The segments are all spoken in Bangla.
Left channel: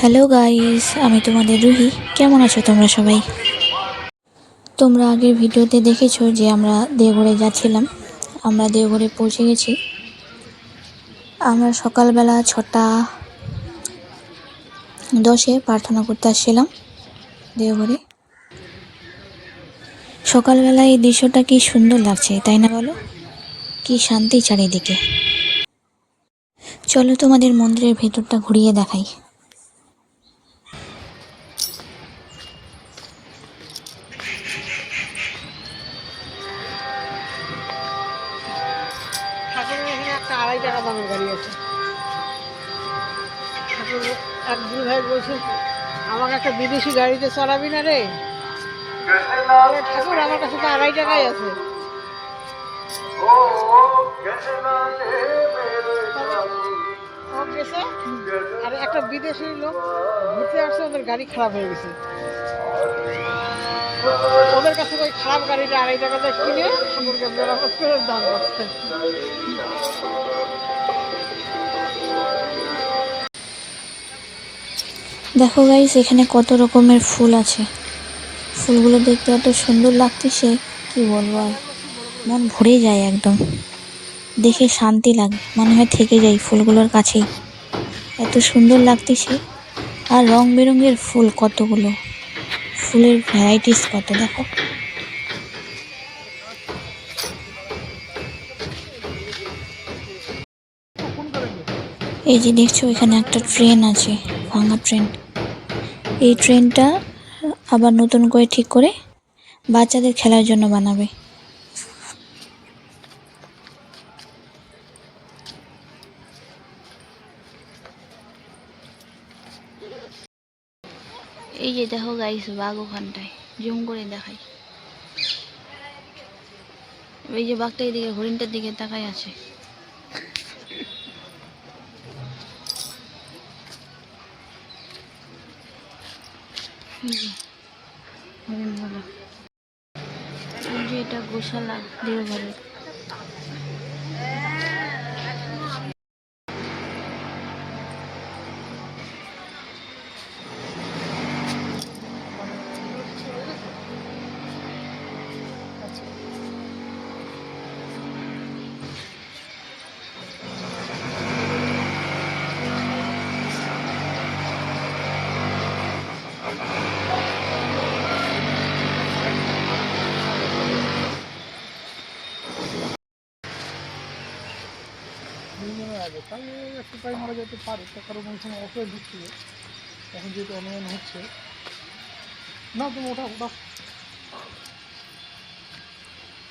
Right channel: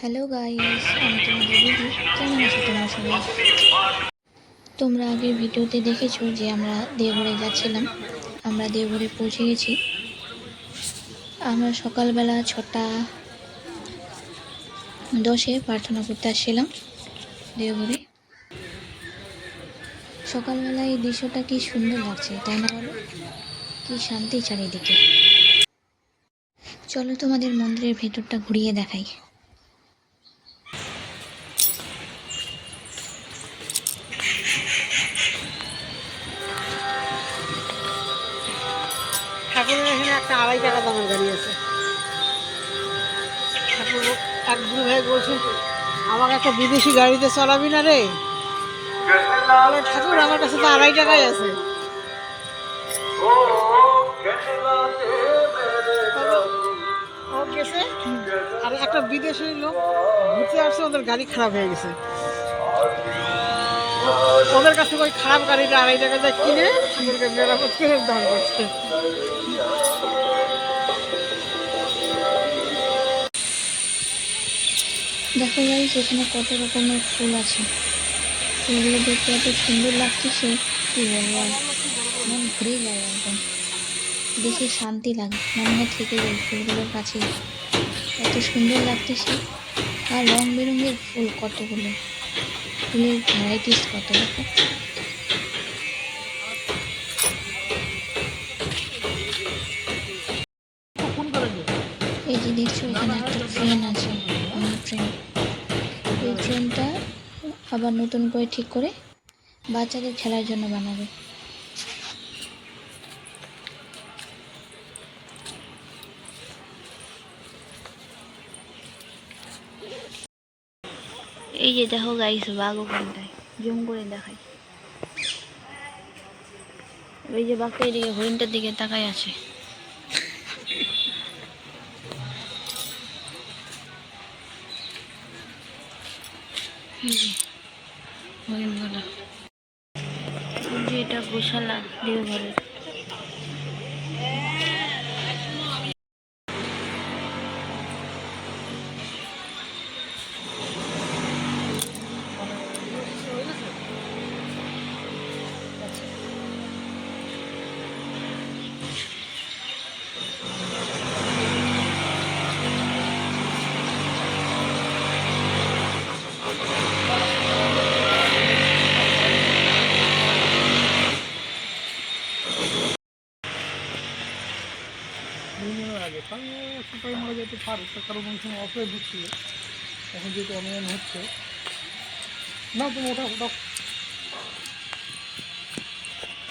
হ্যালো গাইস, আমি তোমাদের রুহি। কেমন আছো তোমরা সবাই? তোমরা আগের ভিডিওতে দেখেছো যে আমরা দেওঘরে যাচ্ছিলাম। আমরা দেওঘরে পৌঁছে গেছি। আমরা সকালবেলা 6:10 প্রার্থনা করতে আসছিলাম দেওঘরে। সকালবেলা এই দৃশ্যটা কি সুন্দর লাগছে, তাই না বলো? কি শান্তি চারিদিকে। চলো তোমাদের মন্দিরের ভেতরটা ঘুরিয়ে দেখাই। ঠাকুরের এখানে একটা 2.5 টাকা দামের গাড়ি আছে। ঠাকুর এক দুই ভাই বলছে আমাকে একটা বিদেশি গাড়িতে চলাবি না রে। ঠাকুর আমার কাছে তো 2.5 টাকাই আছে। ও গেছে আর একটা বিদেশি লোক ঘুরতে আসছে, ওদের গাড়ি খারাপ হয়ে গেছে। ওদের কাছে ওই খারাপ গাড়িটা 2.5 টাকা দিয়ে কিনে ঠাকুরকে মেরামত করে দাম করছে। দেখো গাইস, এখানে কত রকমের ফুল আছে। ফুলগুলো দেখতে এত সুন্দর লাগতেছে, কি বলবো আর। মন ভরে যায় একদম, দেখে শান্তি লাগে, মনে হয় থেকে যাই ফুলগুলোর কাছেই। এত সুন্দর লাগতেছে। আর রং বেরঙের ফুল কতগুলো, ফুলের ভ্যারাইটিস কত, দেখো। এই যে দেখছো, এখানে একটা ট্রেন আছে, ভাঙা ট্রেন। এই ট্রেনটা আবার নতুন করে ঠিক করে বাচ্চাদের খেলার জন্য বানাবে। এই যে দেখো গাইস, বাঘ ওখানটায়, জুম করে দেখাই। ওই যে বাঘটা এদিকে হরিণটার দিকে তাকায় আছে। এই যে হরিণগুলো। এই যে এটা গোশালা দেওঘরের। আগে তাই সেটাই মারা যেতে পারে, তার কারণ ওই সময় অফারে দিচ্ছিল। এখন যেহেতু অনুমান হচ্ছে না, তুমি ওটা ওটা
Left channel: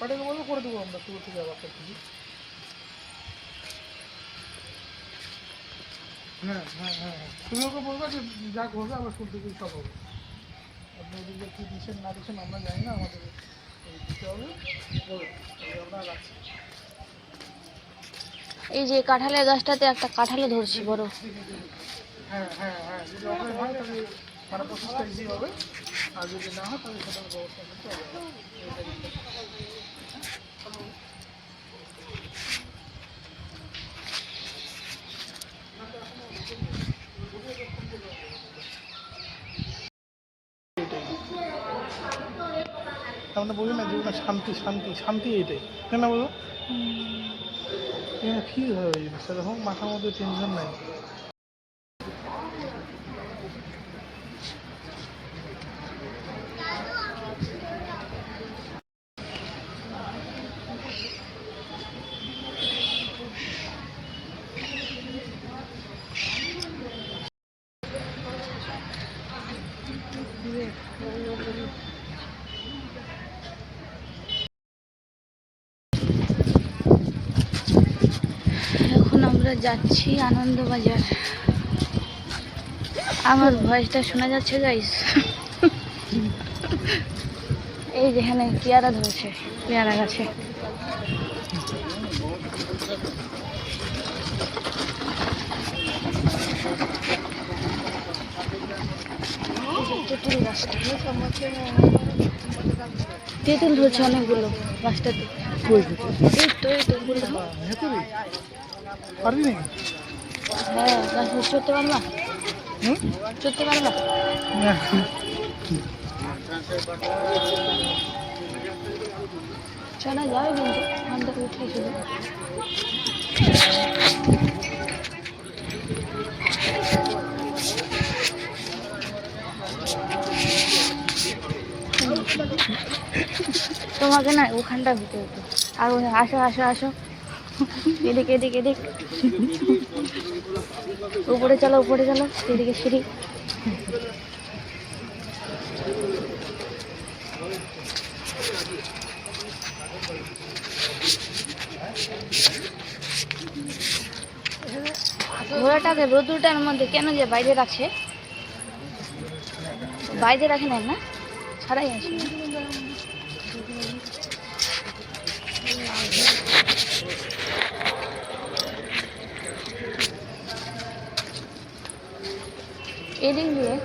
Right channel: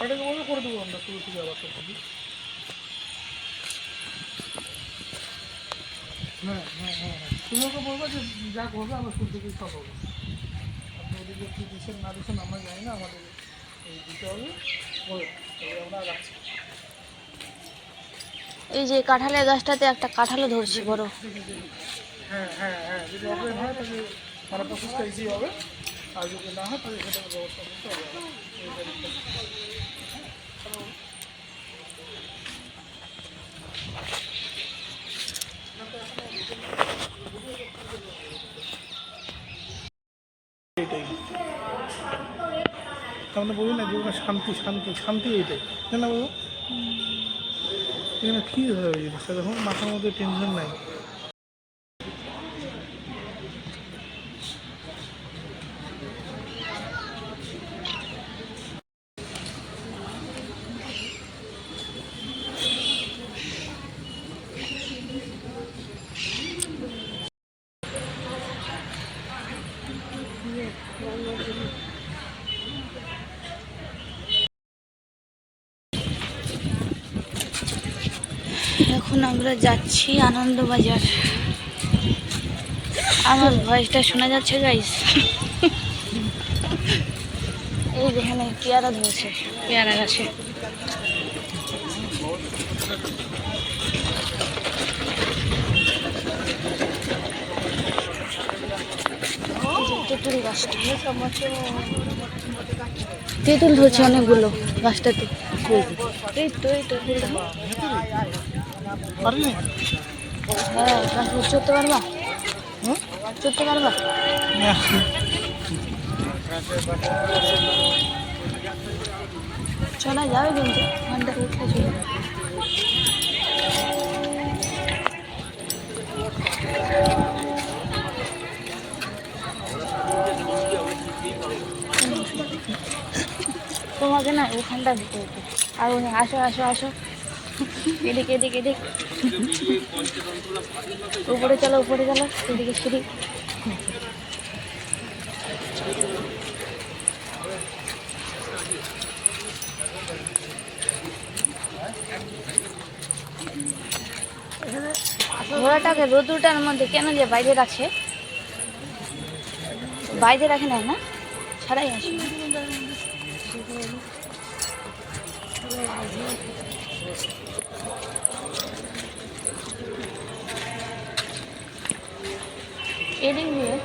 ওটাকে বলে করে দেবো আমরা তুলসী ব্যবস্থা করি। হ্যাঁ হ্যাঁ হ্যাঁ হ্যাঁ, তুমি ওকে বলবো যে যা করবে আমরা শুরু থেকেই সব হবে। আপনি এদিকে কী দিচ্ছেন না দিচ্ছেন আমরা জানি না, আমাদের এই দিতে হবে বলো, আমরা রাখছি। এই যে কাঁঠালের গাছটাতে একটা কাঁঠালও ধরছি বড়। হ্যাঁ হ্যাঁ হ্যাঁ, যদি অফারে হয় তাহলে মানে প্রসেসটা ইজি হবে, আর যদি না হয় তাহলে সেটা ব্যবস্থা করতে হবে। আমরা বলি না যে শান্তি শান্তি শান্তি, এইটাই কেন বলো? এখানে ফ্রি হয়ে জিনিসটা, দেখো মাথার মধ্যে টেনশন নাই। এখন আমরা যাচ্ছি আনন্দবাজার। আমার ভয়েসটা শোনা যাচ্ছে গাইস? এই যেখানে পেয়ারা ধরেছে, পেয়ারা গাছে। তেঁতুল গাছটা, তেঁতুল ধরছে অনেকগুলো গাছটাতে। এই তো ফুল দেখো। পারবি না? হ্যাঁ, গাছ চড়তে পারবা? চড়তে পারবা? চলা যাবে কিন্তু ওখানটা উঠলে চলে যাবে। তোমাকে না ওখানটা দিতে হতো। আর ওখানে আসো আসো আসো, এদিকে এদিকে এদিক, উপরে চলো উপরে চলো, এদিকে সিঁড়ি। ঘোড়াটাকে রোদ্রুটার মধ্যে কেন যে বাইরে রাখছে? বাইরে রাখে নাই না, ছাড়াই আসে। এদিক দিয়ে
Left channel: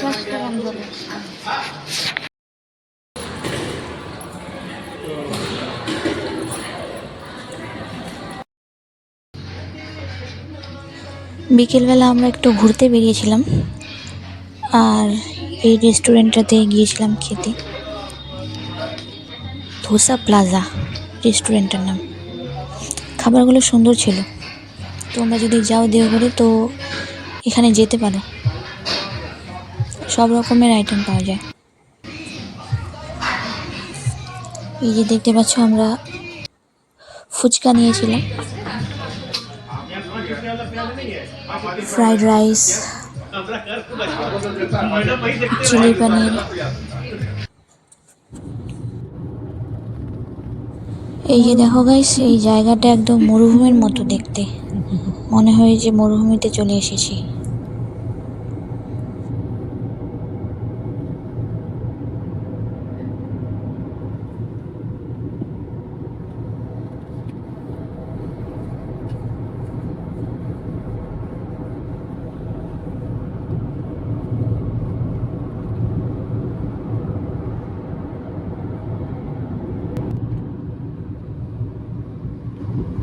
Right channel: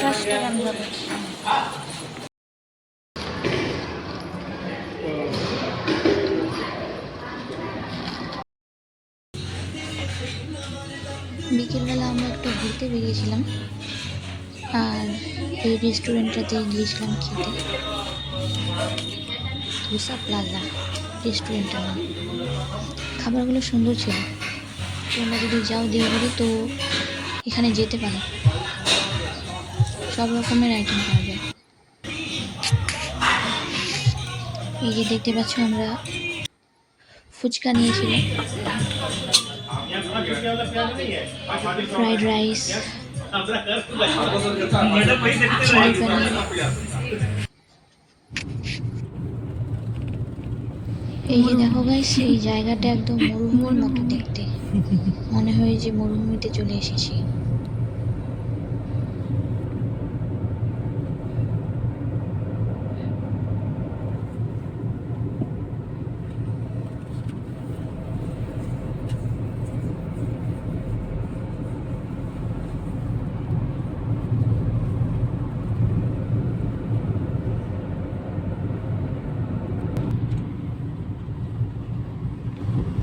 শ্বাসটা বন্ধ হবে। বিকেলবেলা আমরা একটু ঘুরতে বেরিয়েছিলাম আর এই রেস্টুরেন্টটাতে গিয়েছিলাম খেতে। ধোসা প্লাজা রেস্টুরেন্টের নাম। খাবারগুলো সুন্দর ছিল। তোমরা যদি যাও দেওঘরে তো এখানে যেতে পারো, সব রকমের আইটেম পাওয়া যায়। এই যে দেখতে পাচ্ছ আমরা ফুচকা নিয়েছিলাম, ফ্রাইড রাইস, চিলি পনির। এই যে দেখো গাইস, এই জায়গাটা একদম মরুভূমির মতো দেখতে, মনে হয় যে মরুভূমিতে চলে এসেছি।